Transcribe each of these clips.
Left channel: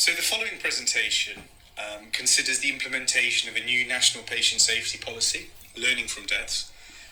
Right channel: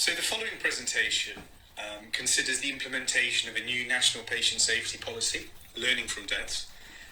So the following presentation considers the implementation of a new national patient safety policy, learning from deaths,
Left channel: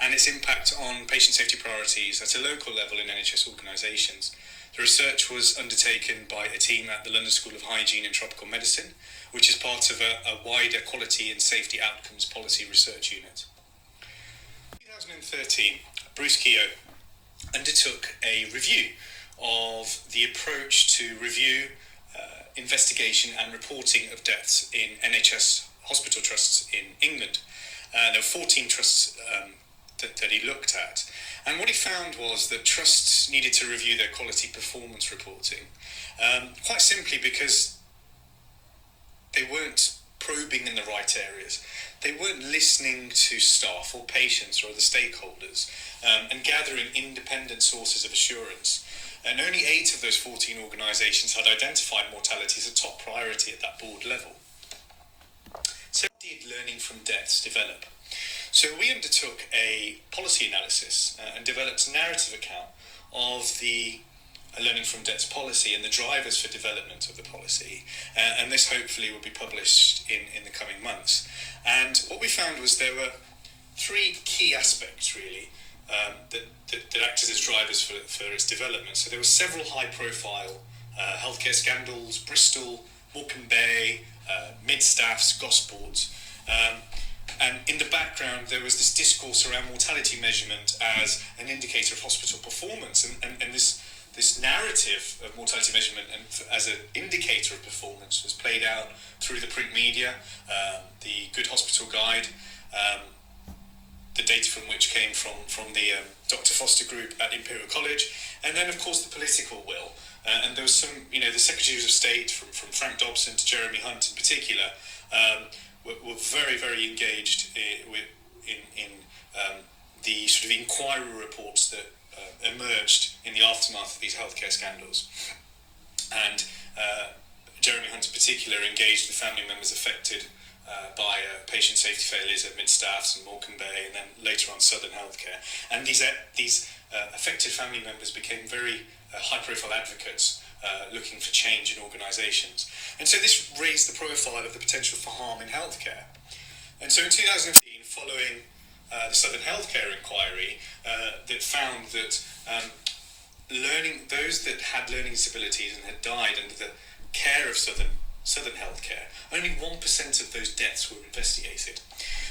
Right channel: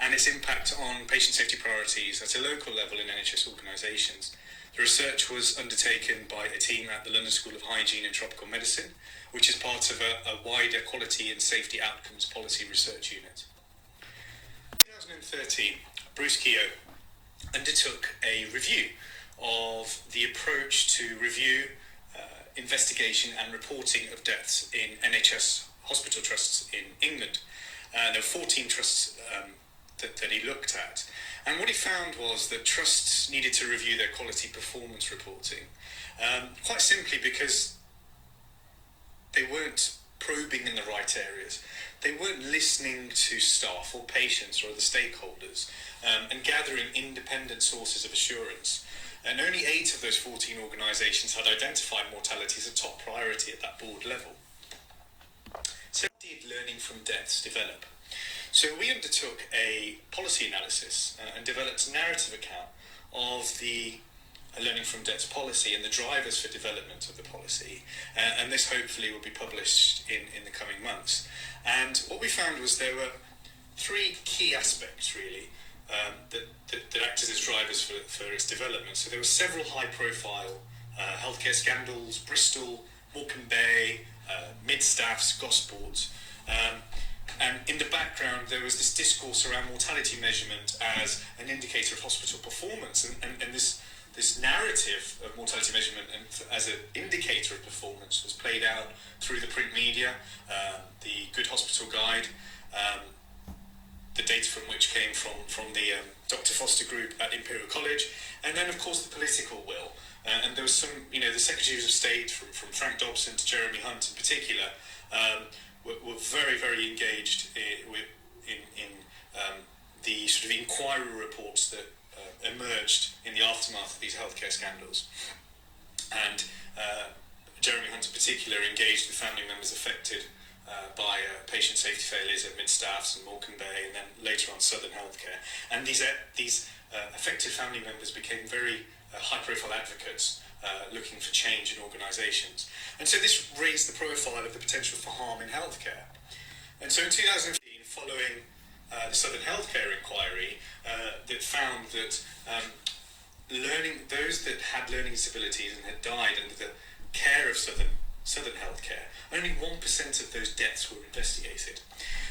and its impact on patient safety priorities at a local level in NHS organisations. The research was undertaken by a team at the London School of Hygiene and Tropical Medicine, which is part of a wider quality and safety outcomes policy research unit. In 2013, Bruce Keogh undertook a review of the approach to review, investigation and reporting of deaths in NHS hospital trusts in England. There were 14 trusts that he looked at, and what he found was that trusts needed to review their quality performance reporting, quite simply because they weren't probing in the right areas. They weren't listening to staff or patients or other stakeholders and gathering independent sources of assurance. And only 8 of those 14 organisations had identified mortality as a top priority at that board level. So how did learning from deaths develop? So we undertook a policy analysis and developed a narrative account of the learning from deaths policy and the drivers for development of the policy. And this hopefully will be published in the coming months. And what we found was there were 3 key aspects really that acted as drivers for its development. So there were several high-profile healthcare scandals: Bristol, Morecambe Bay, Mid-Staffs, Gosport. And in the background, there was this discourse around mortality measurement as an indicator of hospital performance, and this narrative of mortality measurement and as an indicator of performance was played out through the print media, the Good Hospital Guide, the data from which came from the Dr. Foster group at Imperial College, and then of course the political will. And there was some, the Secretaries of State from Frank Dobson to Jeremy Hunt in particular, were very, very engaged in the sort of inquiry reports that emerged in the aftermath of these healthcare scandals. And Jeremy Hunt in particular engaged with family members affected by patient safety failures at Mid-Staffs and Morecambe Bay, and then later on Southern Healthcare. And these affected family members became very high-profile advocates looking for change in organisations. And so this raised the profile of the potential for harm in healthcare. And so in 2015, following the Southern Healthcare inquiry, that found that those that had learning disabilities and had died under the care of Southern Healthcare, only 1% of those deaths were investigated.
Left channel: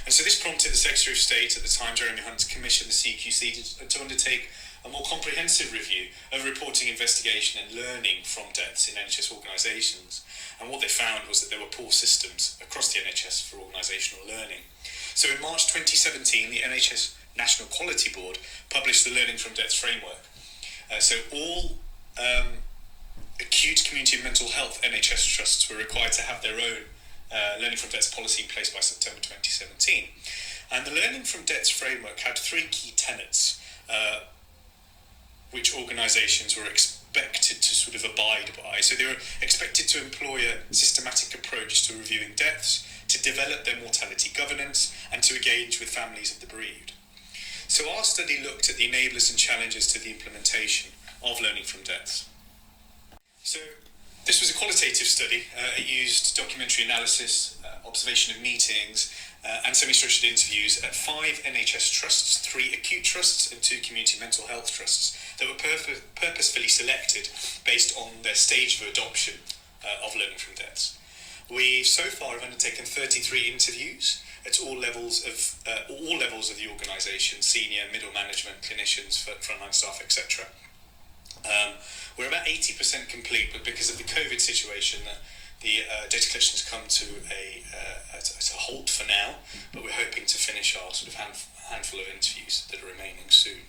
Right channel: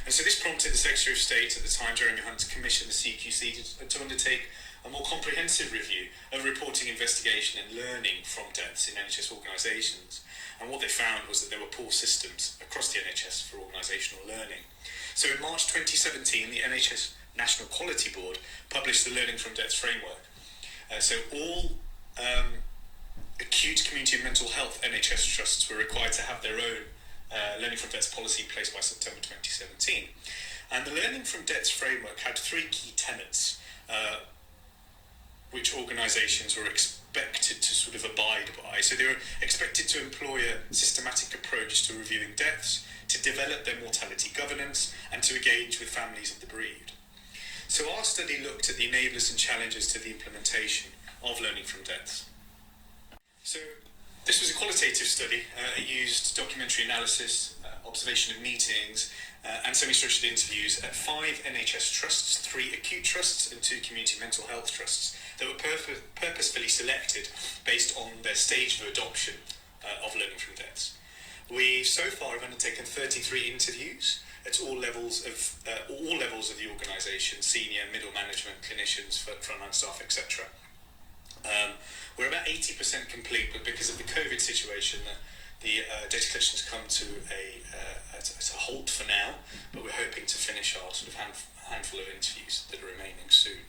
And so this prompted the Secretary of State at the time, Jeremy Hunt, to commission the CQC to undertake a more comprehensive review of reporting, investigation and learning from deaths in NHS organisations. And what they found was that there were poor systems across the NHS for organisational learning. So in March 2017, the NHS National Quality Board published the Learning from Deaths framework. So all acute community and mental health NHS trusts were required to have their own Learning from Deaths policy in place by September 2017. And the Learning from Deaths framework had 3 key tenets which organisations were expected to sort of abide by. So they were expected to employ a systematic approach to reviewing deaths, to develop their mortality governance, and to engage with families of the bereaved. So our study looked at the enablers and challenges to the implementation of learning from deaths. So this was a qualitative study. It used documentary analysis, observation of meetings, and semi-structured interviews at 5 NHS trusts, 3 acute trusts and 2 community mental health trusts that were purposefully selected based on their stage of adoption of learning from deaths. We so far have undertaken 33 interviews at all levels of the organisation: senior, middle management, clinicians, frontline staff, etc. We're about 80% complete, but because of the COVID situation, the data collection has come to a halt for now, but we're hoping to finish our sort of handful of interviews that are remaining soon.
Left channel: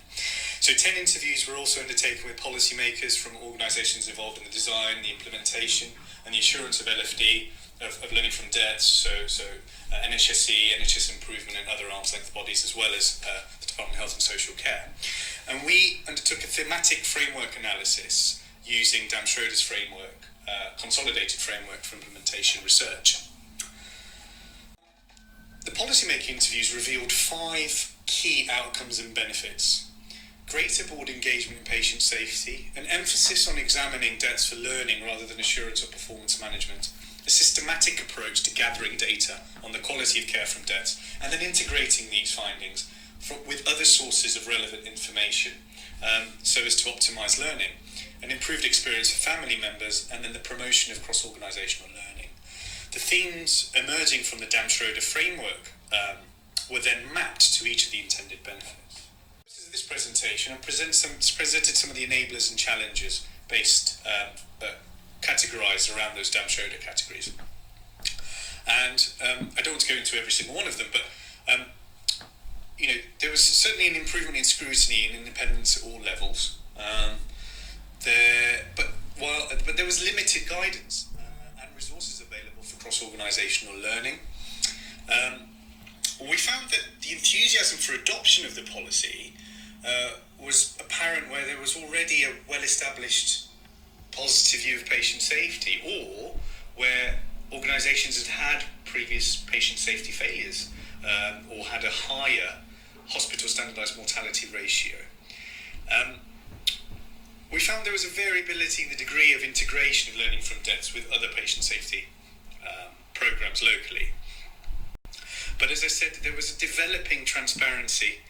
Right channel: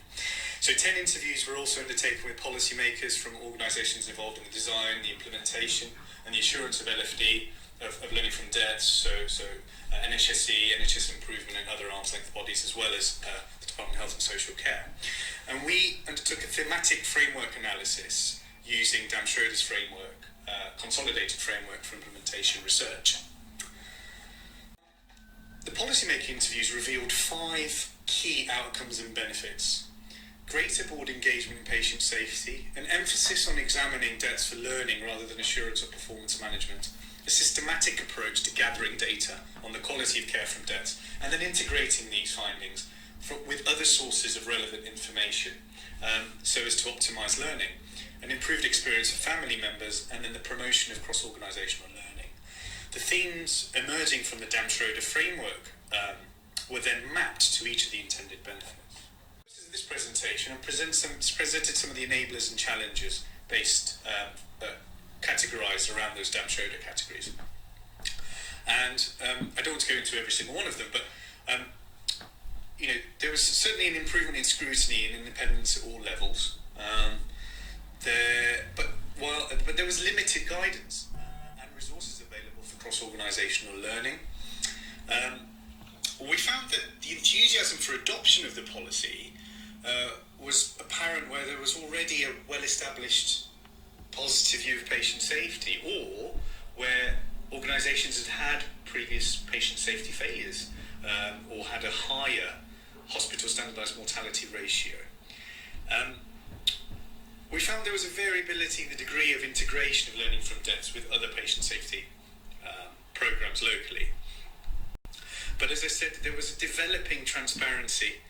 So 10 interviews were also undertaken with policymakers from organisations involved in the design, the implementation and the assurance of LFD, of learning from deaths, so NHSE, NHS Improvement and other arm's length bodies, as well as the Department of Health and Social Care. And we undertook a thematic framework analysis using Dan Schroeder's framework, consolidated framework for implementation research. The policymaking interviews revealed 5 key outcomes and benefits: greater board engagement in patient safety, an emphasis on examining deaths for learning rather than assurance or performance management, a systematic approach to gathering data on the quality of care from deaths, and then integrating these findings with other sources of relevant information so as to optimise learning, an improved experience for family members, and then the promotion of cross-organisational learning. The themes emerging from the Dam-Schroeder framework were then mapped to each of the intended benefits. This presentation, I presented some of the enablers and challenges categorised around those Dam-Schroeder categories. And I don't want to go into every single one of them, but there was certainly an improvement in scrutiny and independence at all levels. But there was limited guidance and resources available for cross-organisational learning. We found that the enthusiasm for adoption of the policy was apparent where there was already a well-established positive view of patient safety, or where organisations had previous patient safety failures or had a higher hospital standardised mortality ratio. We found there was a variability in the degree of integration of learning from deaths with other patient safety programmes locally. But as I said, there was a developing transparency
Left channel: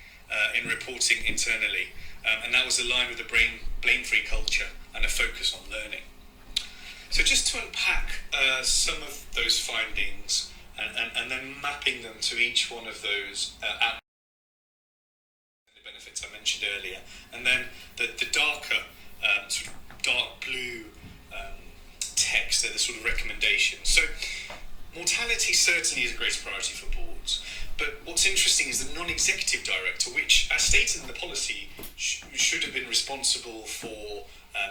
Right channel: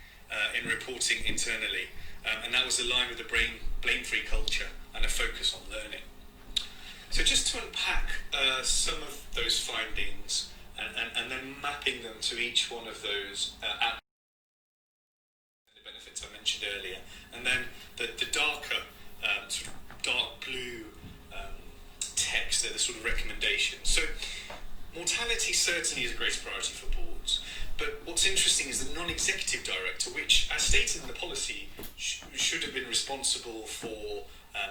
in reporting internally, and that was aligned with the blame-free culture and a focus on learning. So just to unpack some of those findings and then mapping them to each one of those benefits I mentioned earlier, and then the darker, sort of dark blue text, they're the sort of recommendations. So mortality certainly is a great priority for boards, but what's interesting is the non-executive director, which, as stated in the policy, should have been responsible for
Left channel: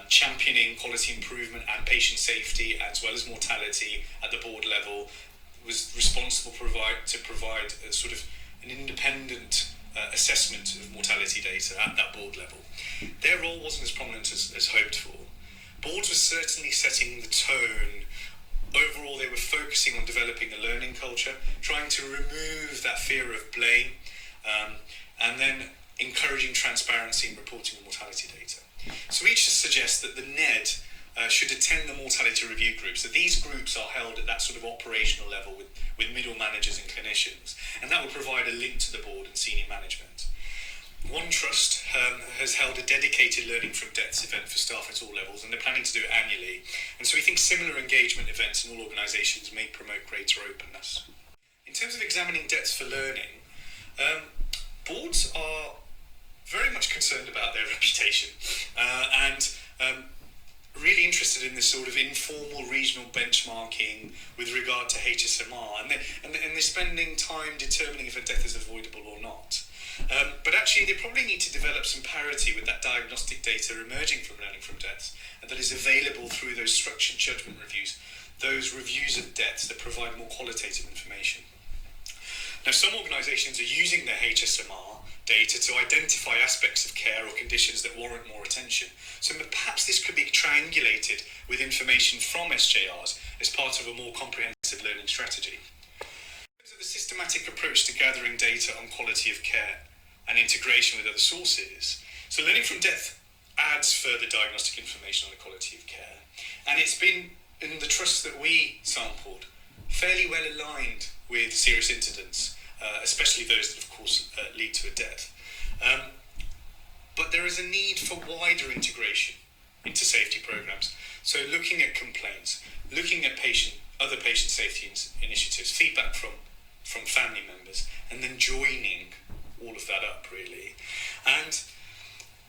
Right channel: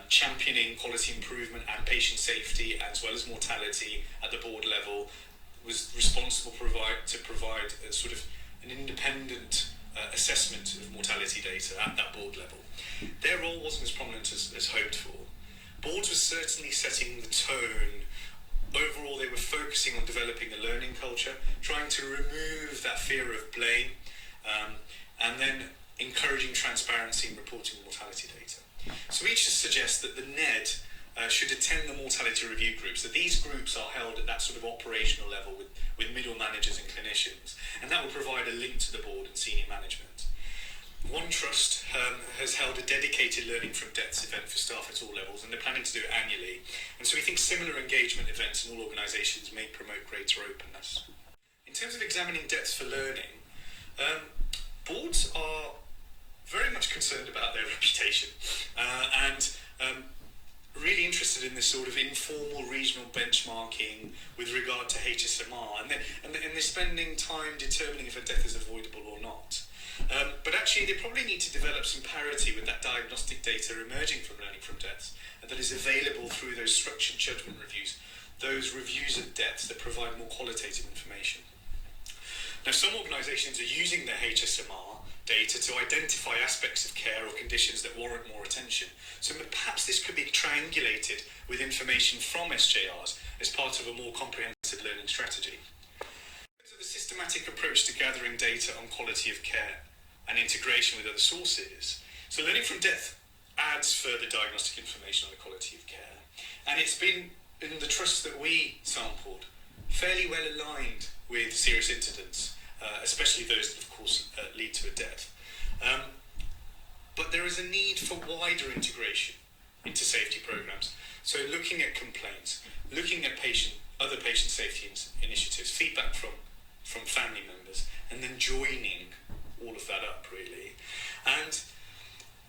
championing quality improvement and patient safety, as well as mortality at the board level, was responsible to provide a sort of an independent assessment of mortality data at that board level. Their role wasn't as prominent as hoped for. Boards were certainly setting the tone. Overall, they were focusing on developing a learning culture, trying to remove that fear of blame, and then encouraging transparency in reporting of mortality data. So each suggests that the NED should attend the mortality review groups. So these groups are held at that sort of operational level with middle managers and clinicians, and that will provide a link to the board and senior management. One Trust has held a dedicated Learning from Deaths event for staff at all levels, and they're planning to do it annually. And so we think similar engagement events in all organisations may promote greater openness. In terms of examining deaths for learning, boards are very much concerned about their reputation and really interested in this sort of informal regional benchmarking with regard to HSMR, and they're spending time determining if a death is avoidable or not. But actually, they probably need to develop some parity with that diagnostic data emerging from learning from deaths, and that is available through those structured judgment reviews, those reviews of deaths that provide more qualitative information. Now, some organisations are using their HSMR data to identify aspects of care or conditions that warrant more attention. So perhaps this could be triangulated with information from SJRs as part of a more comprehensive learning strategy. The systematic approach to gathering data on quality of care and integration with other sources. So learning from death adds further diagnostic information on the quality of care. And it's been, in the trusts that we sampled, fairly well aligned with serious incidents, especially those that, of course, lead to a death. But there is a need for wider integration into safety programs. So looking at complaints, looking at other patient safety initiatives, feedback from family members, and then joining all of that up, really.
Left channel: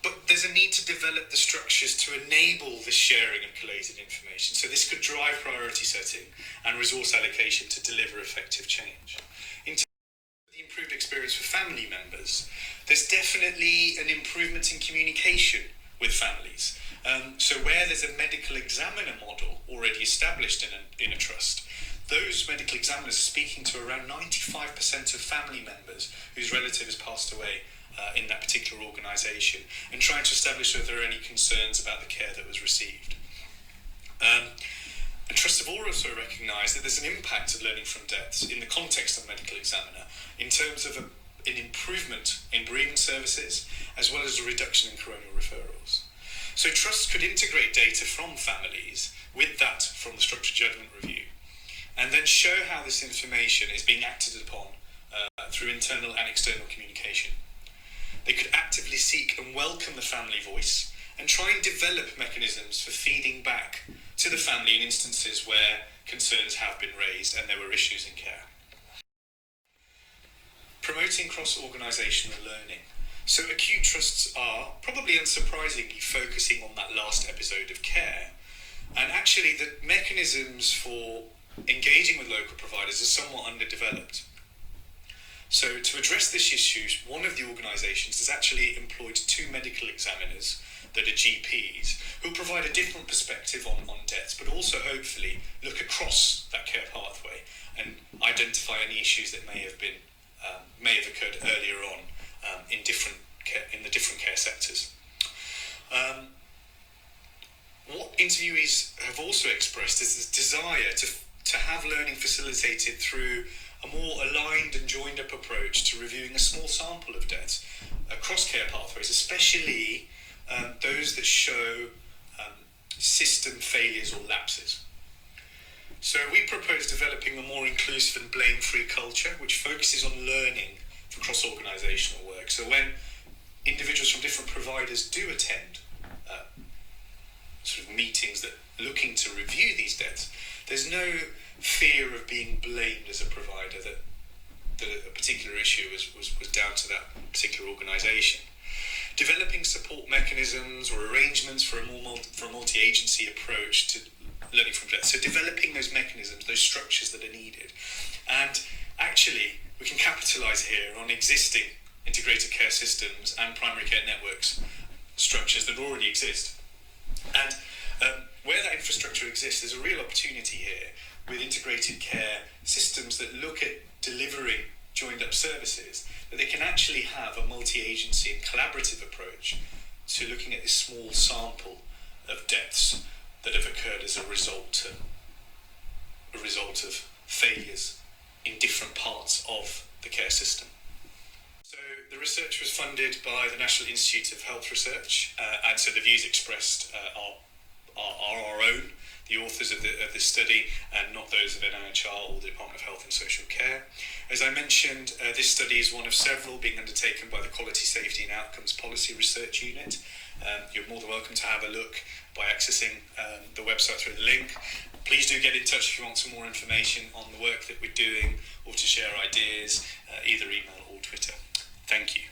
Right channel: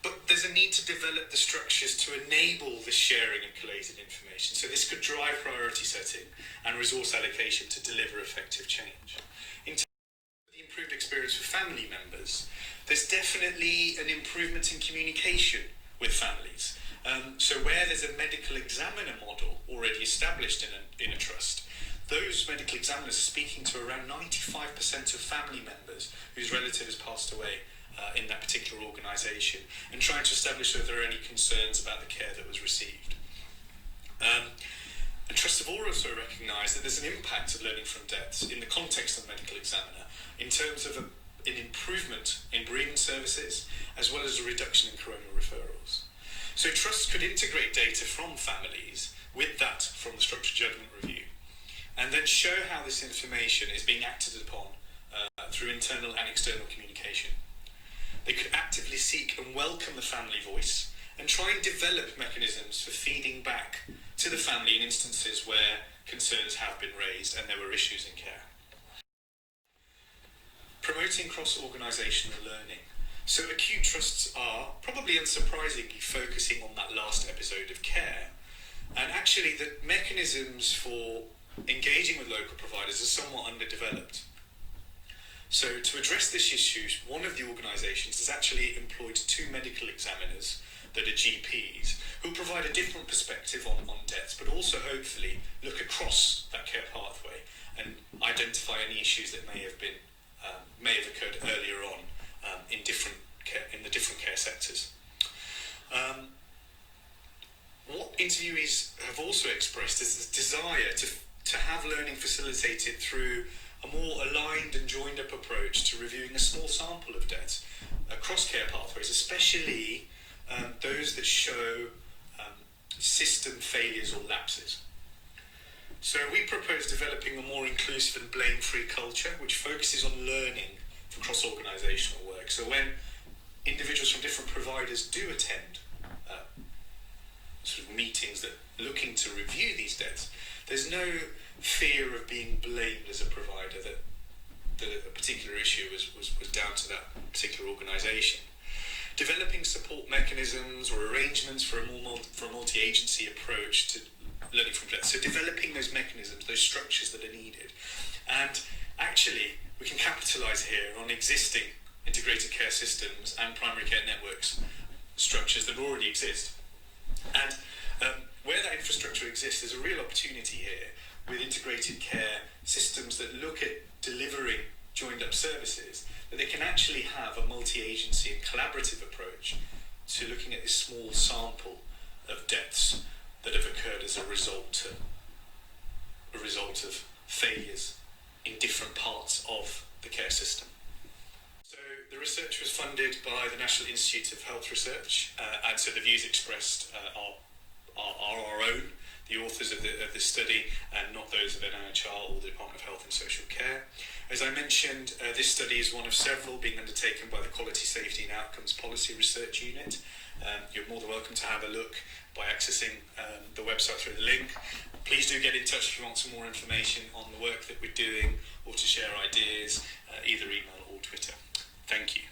But there's a need to develop the structures to enable the sharing of collated information. So this could drive priority setting and resource allocation to deliver effective change. In terms of the improved experience for family members, there's definitely an improvement in communication with families. So where there's a medical examiner model already established in a trust, those medical examiners are speaking to around 95% of family members whose relative has passed away in that particular organisation, and trying to establish whether there are any concerns about the care that was received. And trusts have also recognised that there's an impact of learning from deaths in the context of medical examiner in terms of an improvement in bereavement services, as well as a reduction in coronial referrals. So trusts could integrate data from families with that from the structured judgment review, and then show how this information is being acted upon through internal and external communication. They could actively seek and welcome the family voice and try and develop mechanisms for feeding back to the family in instances where concerns have been raised and there were issues in care. Promoting cross-organisational learning. So acute trusts are, probably unsurprisingly, focusing on that last episode of care, and actually the mechanisms for engaging with local providers are somewhat underdeveloped. So to address this issue, one of the organisations has actually employed 2 medical examiners that are GPs who provide a different perspective on deaths, but also hopefully look across that care pathway and identify any issues that may have occurred earlier on in the different care sectors. What interviewees have also expressed is this desire to have learning facilitated through a more aligned and joined up approach to reviewing a small sample of deaths across care pathways, especially those that show system failures or lapses. So we propose developing a more inclusive and blame-free culture which focuses on learning for cross-organisational work. So when individuals from different providers do attend sort of meetings that looking to review these deaths, there's no fear of being blamed as a provider that a particular issue was down to that particular organisation. Developing support mechanisms or arrangements for a multi-agency approach to learning from death. So developing those mechanisms, those structures that are needed. And actually, we can capitalise here on existing integrated care systems and primary care networks, structures that already exist. And where that infrastructure exists, there's a real opportunity here with integrated care systems that look at delivering joined up services, that they can actually have a multi-agency and collaborative approach to looking at this small sample of deaths that have occurred as a result of failures in different parts of the care system. So the research was funded by the National Institute of Health Research, and so the views expressed are our own, the authors of this study, and not those of NIHR or the Department of Health and Social Care. As I mentioned, this study is one of several being undertaken by the Quality, Safety and Outcomes Policy Research Unit. You're more than welcome to have a look by accessing the website through the link. Please do get in touch if you want some more information on the work that we're doing or to share ideas, either email or Twitter. Thank you.